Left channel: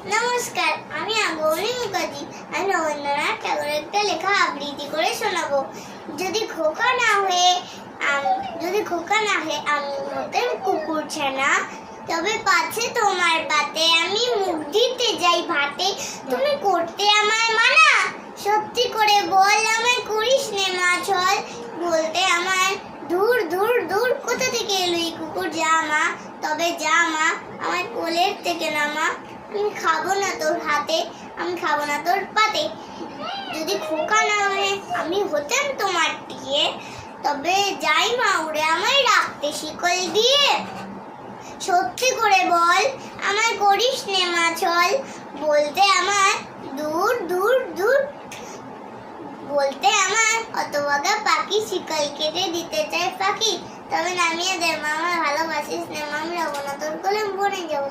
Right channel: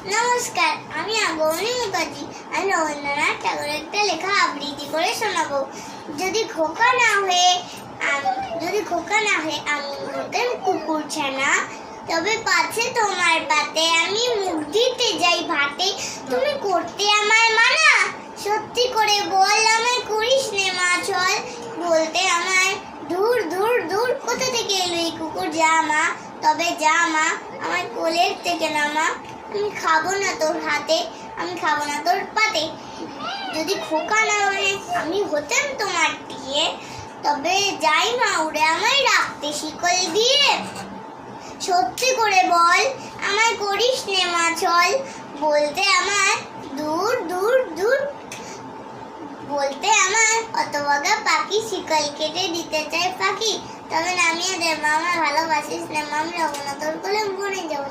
নমস্কার, আমি আগমনী মুখার্জি। আমি রবীন্দ্রনাথ ঠাকুরের একটা লেখা আবৃত্তি করে শোনাবো। যদি খোকা না হয়ে আমি হতেন কুকুর ছানা, তবে পাছে তোমার পাতে আমি মুখ দিতে যাই ভাতে। তুমি করতে আমায় মানা, সত্যি করে বল আমায় করিস নে মা ছল। বলতে আমায় দূর দূর দূর, কোথা থেকে এলো এই কুকুর, যা মা, তবে যা মা, আমার কোলের থেকে নামা। আমি খাবো না তোর হাতে, আমি খাবো না তোর পাতে। যদি খোকা না হয়ে আমি হতাম তোমার দিয়ে, তবে যাই মা উড়ে আমায় রাখতে শিকল দিয়ে। সত্যি করে বল আমায় করিস নে মা ছল। বলতে আমার দূর দূর দূর, বলতে আমার হতভাগা পাখি শিকল কেটে দিতে চায় ফাঁকি। তবে নামিয়ে দে মা, আমার ভালোবাসিস নে মা, আমি রবো না তোর কোলে, বনে যাবো।